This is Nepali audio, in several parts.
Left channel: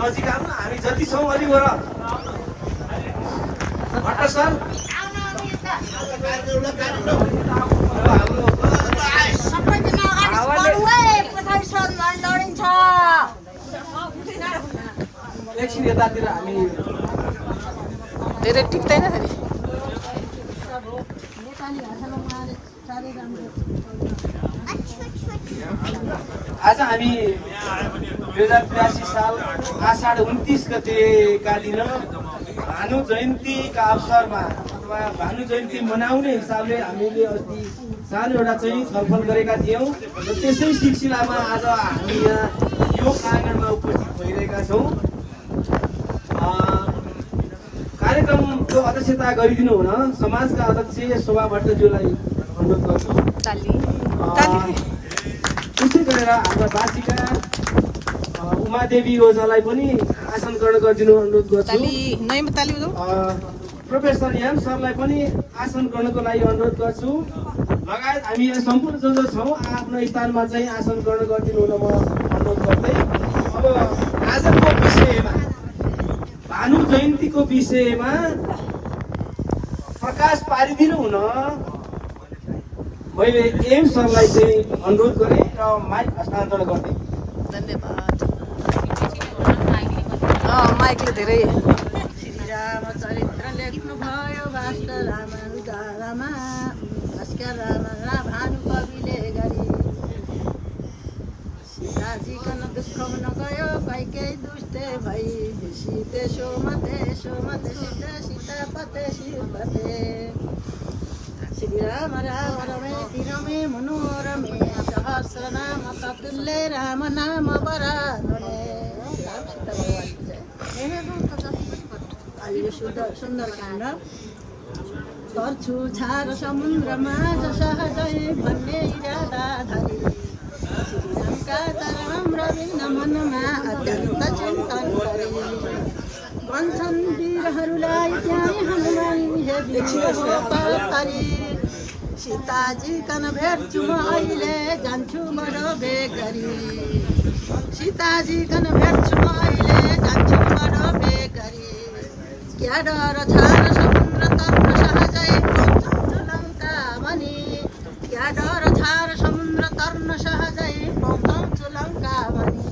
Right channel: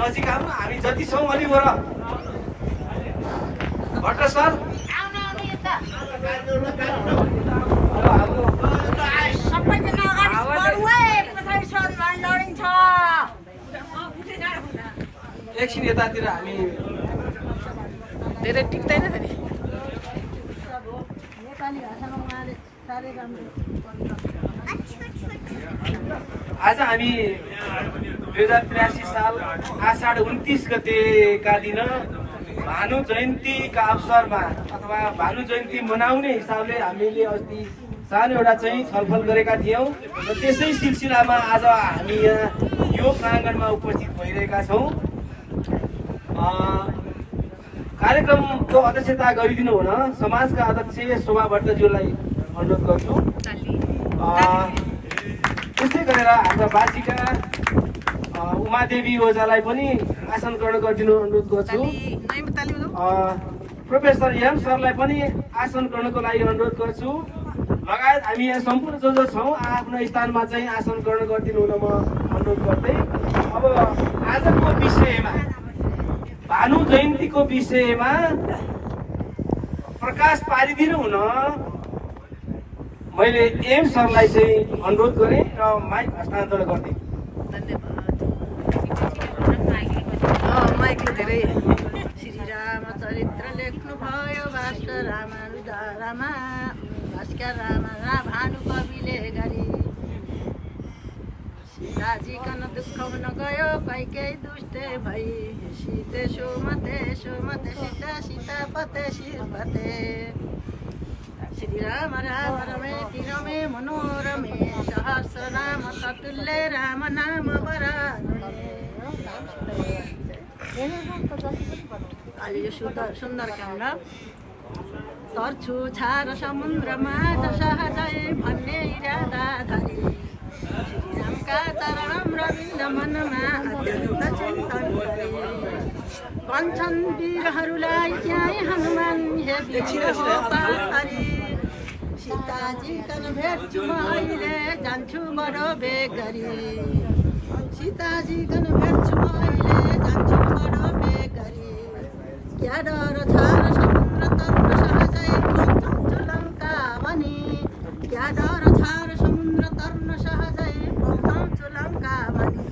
नजिक आउनु हामी जति छौँ अलि वर भट्ट सर एकछिन यतातिर हामी धेरै टिक्दैन फेरि आज हामी 2083 साल आषाढ 29 गतेका दिन भानु जयन्तीका अवसरमा अथवा भानु जयन्ती मनाउने हिसाबले हामीले अस्ति सानो एउटा चाहिँ छलफल गरेका थियौँ र त्यसै सिलसिलामा आज हामी यहाँ यो प्राङ्गणमा उपस्थित भइरहेका छौँ। कार्यक्रमको अध्यक्षता गरिदिनु हुन समाजका अध्यक्ष शोभा भट्टज्यूलाई अनुरोध गर्छु। त्यसै गरेर हाम्रा बासिका उमादेवी ओझालाई पनि आसन ग्रहण गरिदिनु अनुरोध गर्छु। प्रोफेसर एम सरलाई पनि आसन ग्रहणको लागि अनुरोध गर्छु। लगायत हामी यहाँ सम्पूर्ण जो छौँ आफ्नो स्थानमा चाहिँ आसन ग्रहण गरिदिनु हुन म अनुरोध गर्दै अब आजको विषयमा भानु जयन्तीको विषयमा प्रकाश पारिदिनु हुन मैले एम सरलाई चाहिँ अनुरोध गरेँ र माइक हस्तान्तरण गरेँ। धन्यवाद। माइकले धेरै श्रीरामचरित्र लेख्नु भयो भास्कर रामा भास्कर रामा भानु कविले गरी सीताजी कन दुःख हुन गयो कैकेयी दुष्टे भई सीते सोमते सीता सीता पते शिवपते श्रीराम राम रमे रमे मनोरमे सहस्रनाम ततुल्य राम नाम वरानने। यो सुन्दरकाण्ड तर्छु छार समुद्रमा सहजै भन्ने इरादा धरी श्रीरामका चरण रविन्द्र मनमा अत्यन्त चिन्तन गरे भन्छन् वीरहरूलाई त्यहीँ हनुमान हे वीर हो परी सीताजी कन भेट्छु म अहिले जान्छु बडो बेग गरी सीताजी कन भेट्छु म अहिले जान्छु बडो बेग गरी क्या डर छार समुद्र तर्न सहजै पहुँचाउँछु लङ्का भनी क्या डर छार समुद्र तर्न सहजै पहुँचाउँछु लङ्का भनी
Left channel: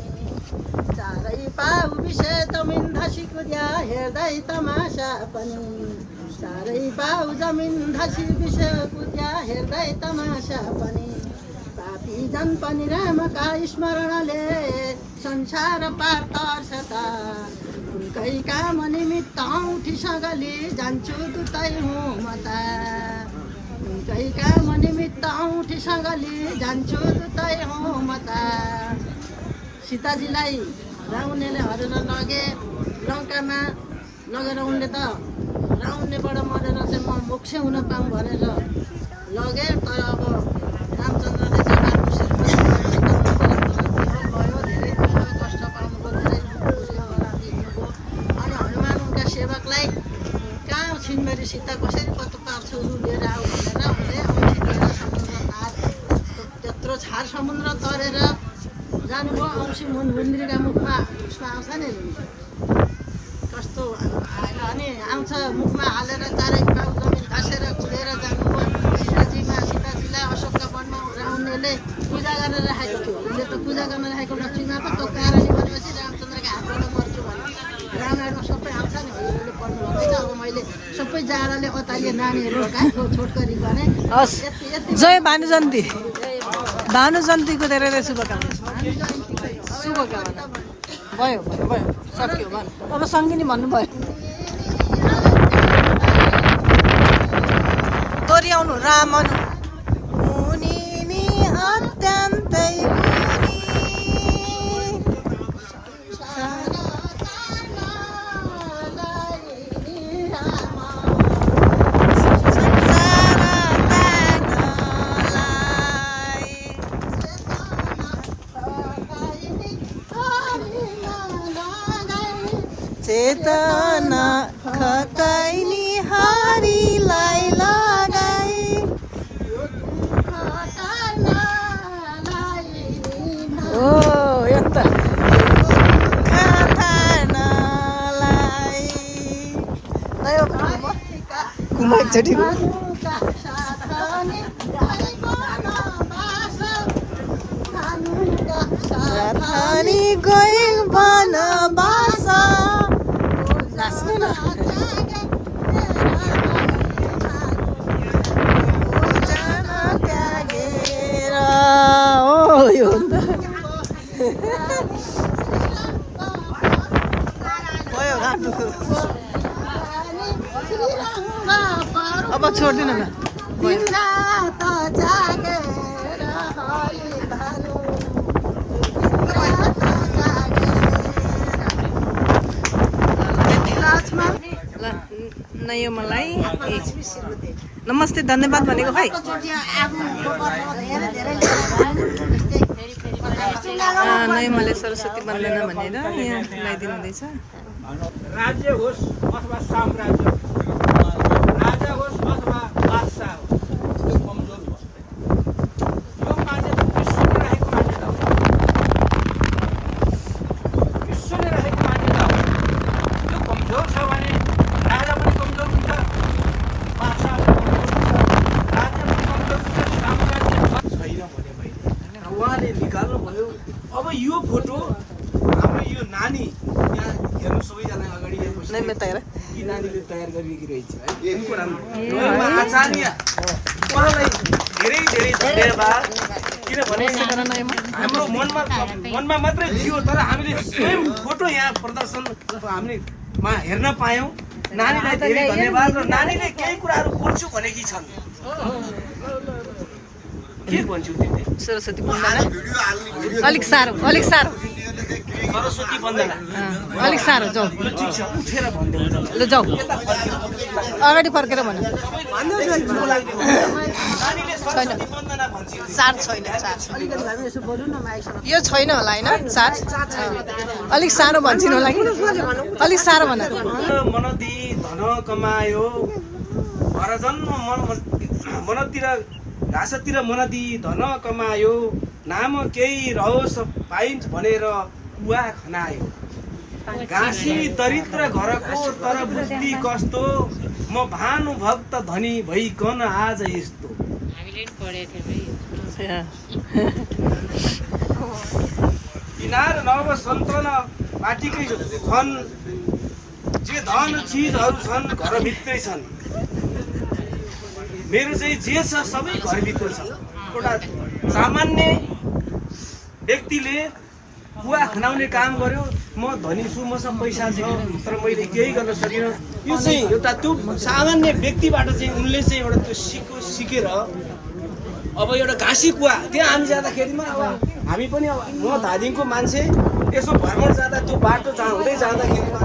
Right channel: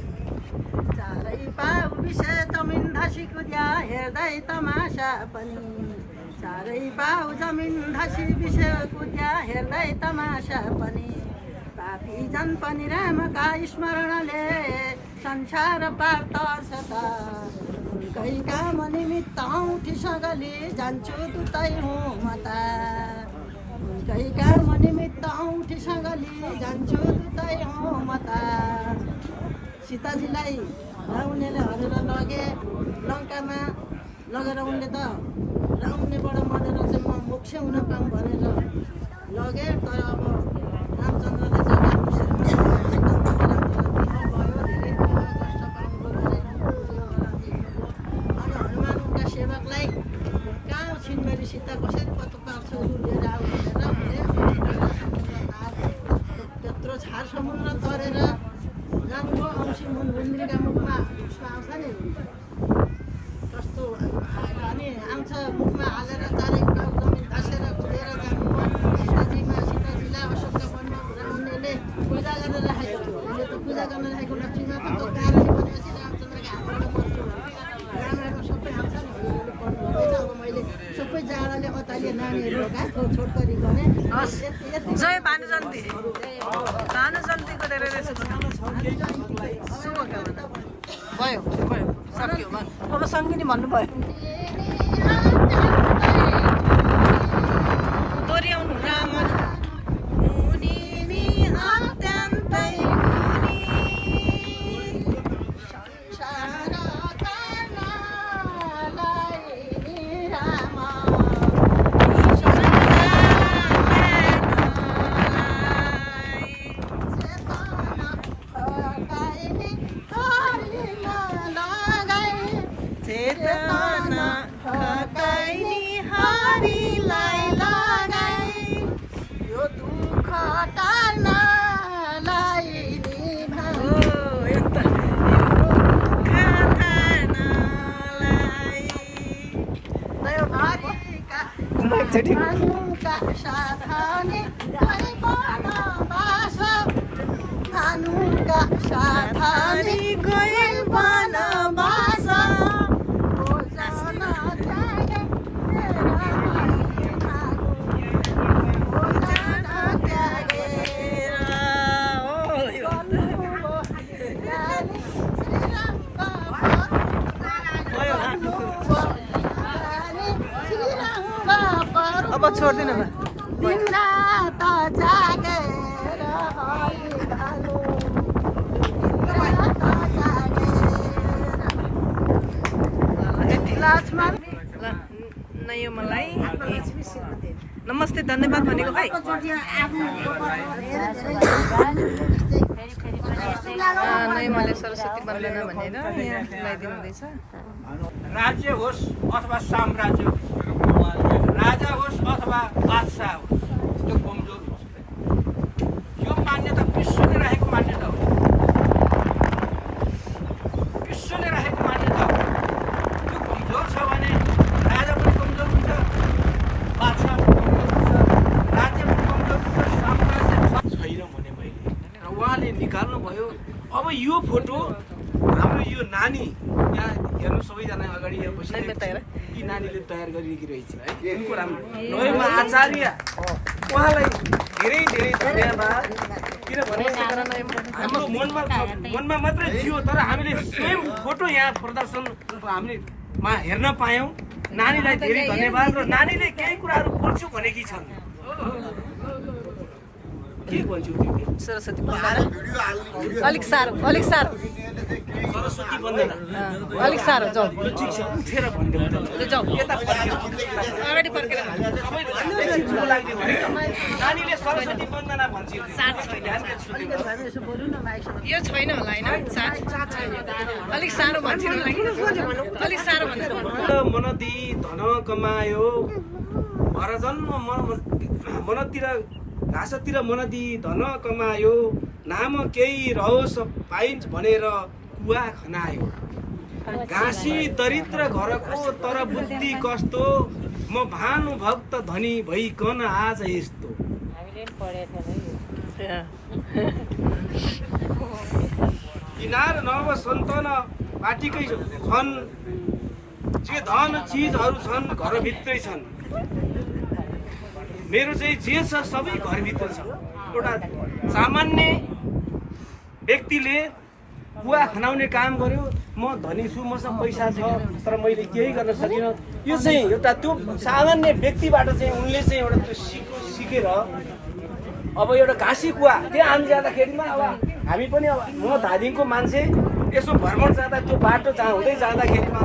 चारै पाउ विषय तमिन धसी कुद्या हेर्दै तमासा पनि चारै पाउ जमिन धसी विषय कुद्या हेर्दै तमासा पनि पापी जन पनि रामका स्मरणले संसार पार तर्छ त उनकै काम निमित्त औँठी सगली जान्छु दुतै हुँ म त उनकै काम निमित्त औँठी सगली जान्छु दुतै हुँ म त। सीताजीलाई रावणले हरेर लगे लङ्कामा लगेर उनले त रावणबाट मरेर चाहिँ म मोक्ष हुन पाऊँ भनेर लगे। तर अब रामचन्द्रले चाहिँ भयो धेरै कष्ट पाउनुभयो अनि हनुमान उनका सेवकलाई कहाँ छिनमेरी सीता कसरी पत्तो पार्छु लिएर आऊ भनेर उनले समुद्र पार त्यत्रो छार समुद्र तरेर जानुभयो। औँसी मुन्द्रीका मुखमा उसमा आउँछ नि कस्तो अनि आउँछ मुखमा हालेर चारै पाउ जमिन धसेर कुदेर जानुभयो। सीताजीलाई अशोकका वनमा रावणले पूजा गरेर राखेको थियो। उसले त पूजा गर्न राखेको लक्ष्मीमा त त्यो कारणले भनेपछि रामचन्द्रका हातबाट मर्छु भने रामायणमा सबै आउँछ निहरूले पढ्नुभएको छ। अब मैले सबै जाडाले अतालिए नानीहरू छोटकरी गरेँ। जय भानु जयन्ती। भानु जयन्तीको धेरै धेरै शुभकामना। शुभकामना भयो भयो सक्यो भयो। अब सङ्गिनी भन्नुभयो दोहोऱ्याउनु रामन अत्यन्तै चेतना खटाइनी हारीलाई लगाई यो दुःख टार्नलाई नि ओ यता दुःख एकचोटि भानुका साथ नि गई वनवास भानुका साथ अनि गए वनवास नाच्नु न जान त्यागेर ओ यो भयो गानु अब छोड्दिनु न तिम्रा त जागेर हरि भानु लक्ष्मण ल नयो मलाई नमस्ते धन्यवाद भनेको खै नयो मलाई सरस्वती वन्दना भनेर यहाँ लगाइदिनु हुँदैछ राज्य होस् अथवा साम्राज्य होस्, राजा होस् अथवा बादशाह होस्, यो मान्यता विश्वले राखेको मान्यता हो। विश्वले राखेको मान्यता हो। यो कमजोर छ भने राजा पनि कमजोर हुन्छ, बादशाह पनि कमजोर हुन्छ, राज्य पनि कमजोर हुन्छ, साम्राज्य छैन भने मैले उहाँले निकाल्नु भयो। अब यो फोटो हाम्रो यो नानी यहाँ हेर्नु सबैजना अगाडि यहाँ बसी यी नानीले तयार गरिरहेकी रहेछ है। उनको नयमा आचार्य उहाँलाई धेरै धेरै धन्यवाद। किनभने हाम्रो मनमा मात्रै थियो, तर हामीले स्वयं फोटो यहाँ प्रदर्शन हामीमा हेर्न पायौँ। नानीलाई धेरै धन्यवाद। र नानीले केही कुराहरू बोल्छु भनेकी छन्। के भन्छु तिमीले? सरस्वती वन्दना अलिक साह्रो सरस्वती वन्दना अलिक साह्रो जाऊ ल ठिक छ, उठेर भनिदेऊ त। ल जाऊ यता फर्केर अगाडि फर्केर भन नानीले सरस्वती वन्दना भन्छ। चार्ज छैन यो छैन होला होइन चार्ज अलिक सानो भन्छन् होला कि अलिक साह्रो भन मनदी धन कमायो भरजन्म मनतिर घाँसतिर मनदी धन कमायो नाम केही रहोस् पाइन्छ भनेर कुवा खनायो। घाँसी दरिद्र घरको तर बुद्धि कस्तो म भानुभक्त धनी भइकन आज यस्तो। किनार नव सन्तान पार्टीकै छन्, जे धन चिजहरू छन् घरभित्रै छन्। मेरो चाहिँ जे छ सबै घरभित्र छ। एउटा सामान्य व्यक्तिले कुवा खनाउने काम गर्यो, म धनी छु, मसँग पैसा छ, तर मैले केही गर्न सकिनँ। यो चाहिँ एउटा त्यो सामान्य व्यक्तिबाट चाहिँ उनले चाहिँ एउटा त्यो सिकेर अब एउटा घाँसी कुवा त्यहाँ हामी जाँदाखेरिमा अब हामी पनि अब म धादिङको मान्छे यसो भ्रमण जाँदा त्यो बाटो हुँदै जाँदाखेरिमा